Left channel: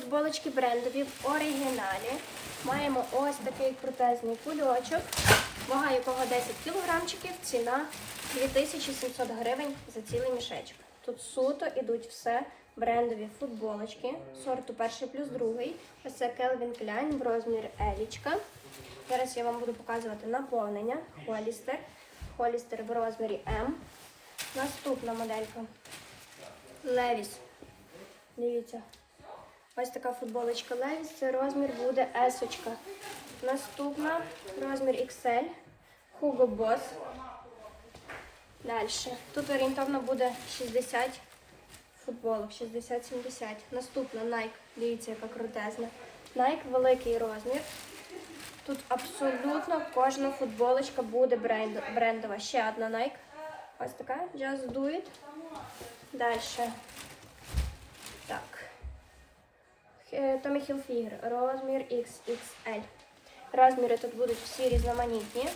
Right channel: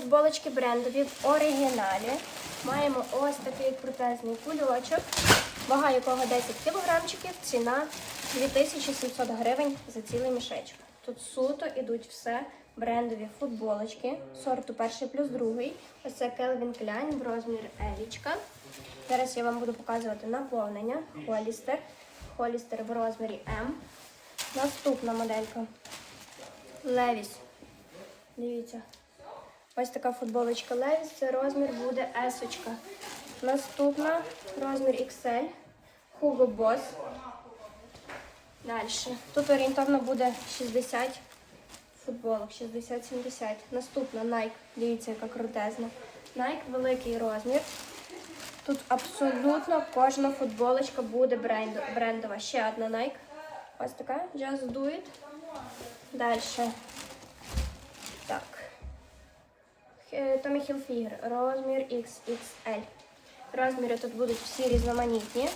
футболочки брендові в оригіналі. Маємо ось такий крутезний кульочок, вага якого 10 кілограмчиків, ціна 2700 гривень за цілий мішечок. Тут суто ідуть все брендові футболочки, сорту перший плюс другий. Ось це Calvin Klein в розмір Елічка. Зараз я вам буду показувати наповнення Холістер. Холістер в розмірі М. Наступна моделька. Левіс. Дивіться. Ось така футболочка Levi's, це розмір буде S. -очка. Наступна розмір XL. Hugo Boss. Далі. Тут орієнтовно буде 60 футболок, 60-70. Наступна Nike. Дивіться, яка крутезна. Nike великий розмір. Тут абсолютно кожна футболочка буде бренд- брендова. Ще одна Nike. Ось така. Just do it. Далі. Е, Tommy розмір XXL. Розміри тут будуть всі різноманітні.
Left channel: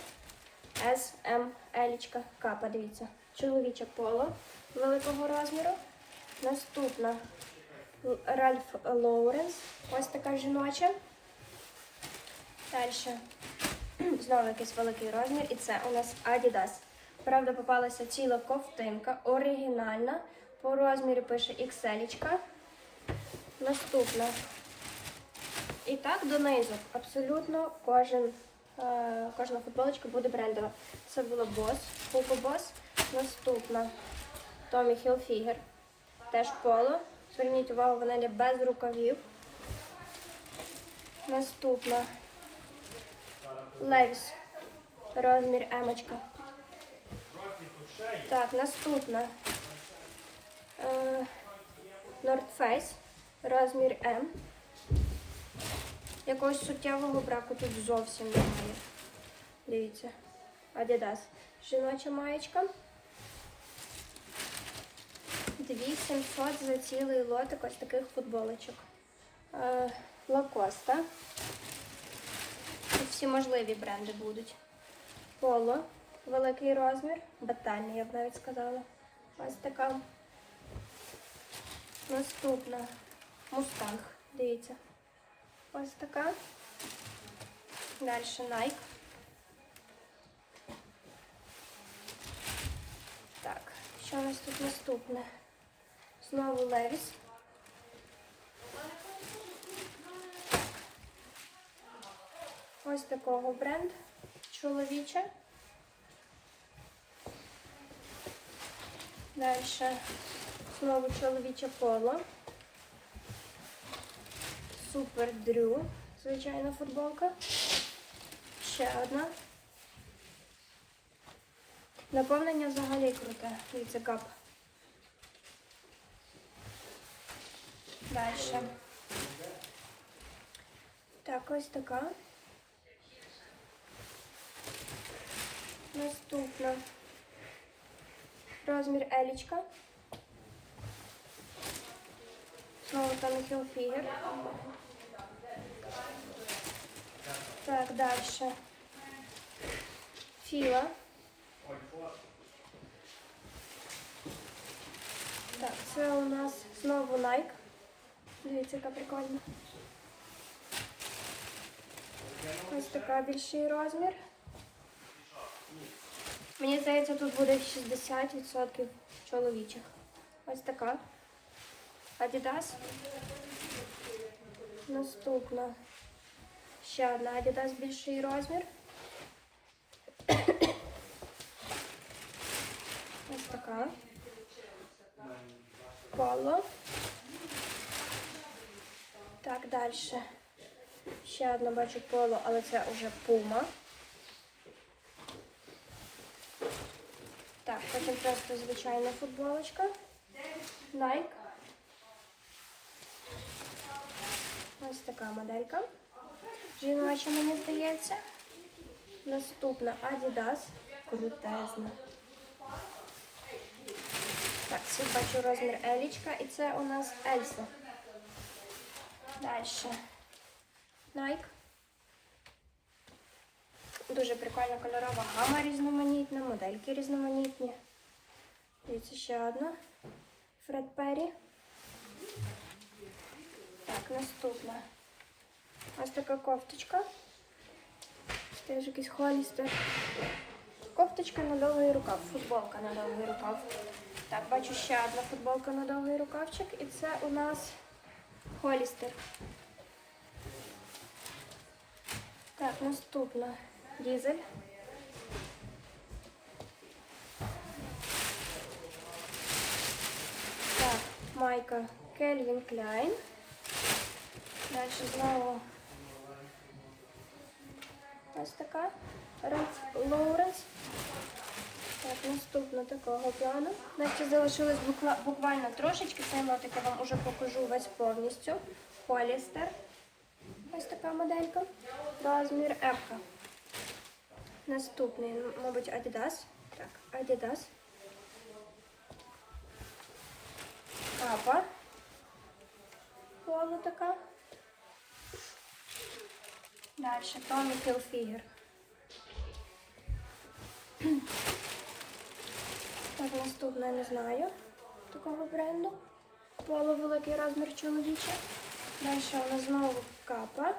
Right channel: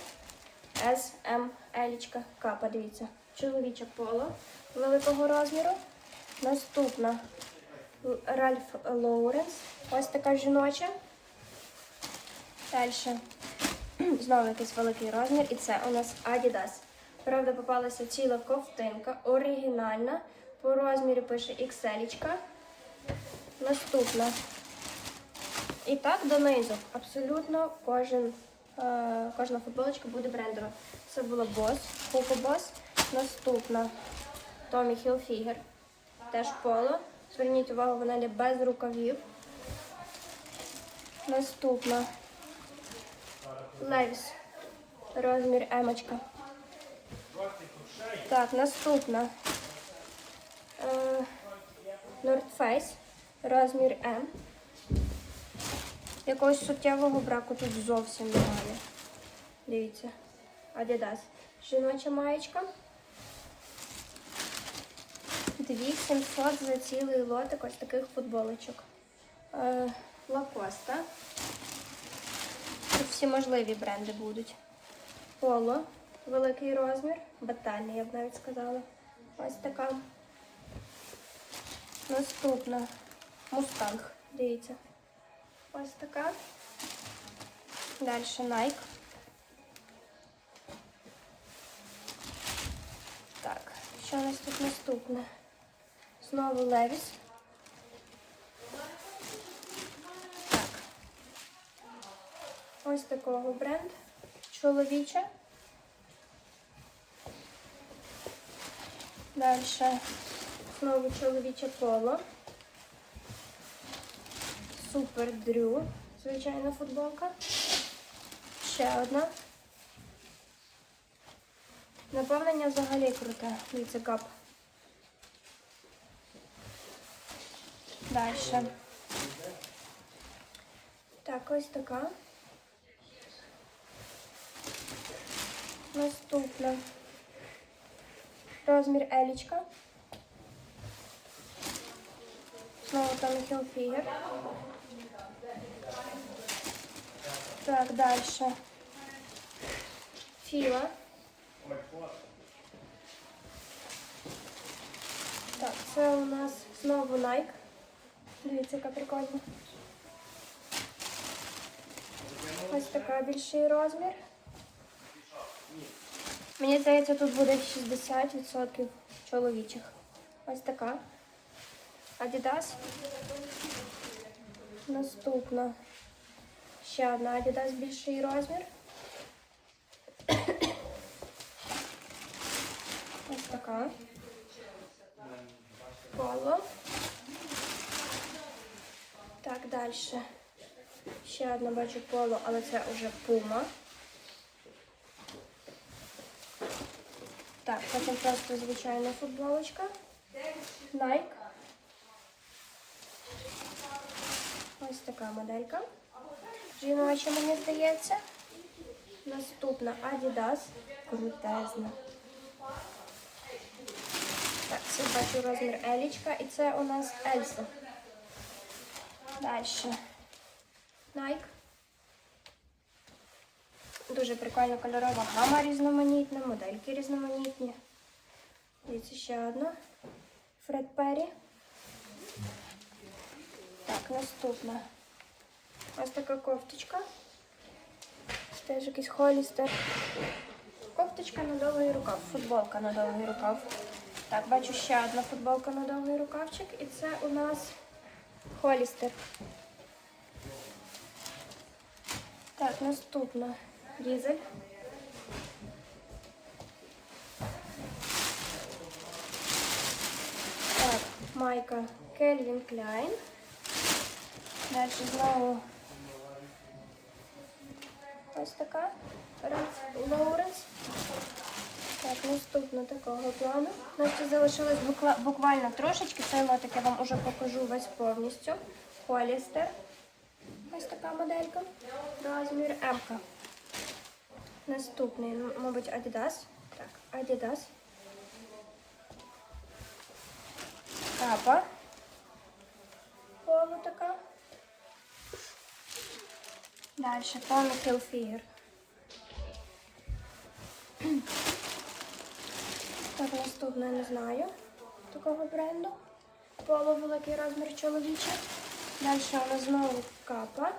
S, M, L, К, подивіться. Чоловіче поло великого розміру. Наступна Ральф Лоуренс. Ось така жіноча. Далі. Знову якийсь великий розмір. І це у нас Adidas. Правда, попалася ціла ковтинка, оригінальна. По розмірі пише XL. Наступна. І так донизу. Абсолютно кожен, е, кожна футболочка буде брендова. Це була Boss, Hugo Boss. Наступна Tommy Hilfiger. Теж поло. Зверніть увагу, вона йде без рукавів. Наступна Levi's. Розмір емочка. Так, наступна. Е, North Face. Розмір М. Якогось суттєвого браку тут зовсім немає. Дивіться. Adidas. Жіноча маєчка. 2700 за цілий лотик ось таких футболочок. Е, Лакоста. Тут всі можливі бренди будуть. Поло. Великий розмір. Батальний, я б навіть сказала. Ось така. Наступна. Мустанг. Дивіться. Ось така. Далі Nike. Так, що у нас тут наступне? Знову Levi's. Так. Ось такого бренд. Чоловіче. Далі знову чоловіче поло. Супер Дрю. Звичайна футболка. Ще одна. Наповнення взагалі круте. Дивіться кап. Далі. Так, ось така. Наступна. Розмір Елічка. Знову там Hilfiger. Так, дальше. Фила. Так, це у нас знову Nike. Дивіться, яка прикольна. Ось така більший розмір. Мені здається, тут буде 60% чоловічих. Ось така. Adidas. Наступна. Ще одна Adidas більший розмір. Ось така. Поло. Так, далі. Ще одна бачу поло, але це вже пума. Так, потім просто звичайна футболочка. Nike. Ось така моделька. Жіноча, мені здається. Наступна Adidas. Крутезна. Так, це бачу розмір Елічка і це у нас Ельса. Далі. Nike. Дуже прикольна кольорова гама різноманітна, модельки різноманітні. Дивіться ще одна. Фред Перрі. Так, наступна. Ось така кофточка. Теж якийсь холістер. Кофточка на довгий рукав, футболка на довгий рукав. Так, бачу ще одна футболка на довгий рукавчик, і це у нас холістер. Так, наступна дізель. Так, майка Кельвін Кляйн. Далі знову ось така. Лоуренс. Так, наступна такого плану. Значить, залишилось буква- буквально трошечки. Цей лотик я вам уже покажу весь повністю. Холістер. Ось така моделька. Розмір М. Наступний, мабуть, Adidas. Так, Adidas. Капа. Поло така. Далі Hilfiger. Так, наступне не знаю такого бренду. Поло великий розмір чоловічий. Далі у нас знову капа.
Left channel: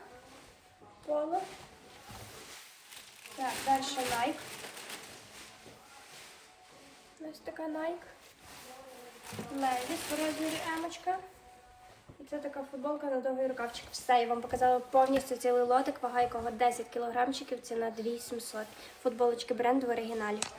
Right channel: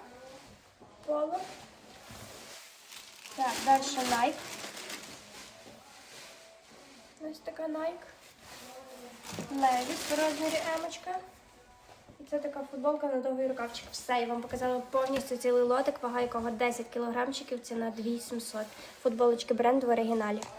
Поло. Так, далі Nike. Ось така Nike. Левіс в розмірі емочка. Це така футболка на довгий рукавчик. Все, я вам показала повністю цілий лотик, вага якого 10 кілограмчиків, ціна 2700. Футболочки бренду в оригіналі.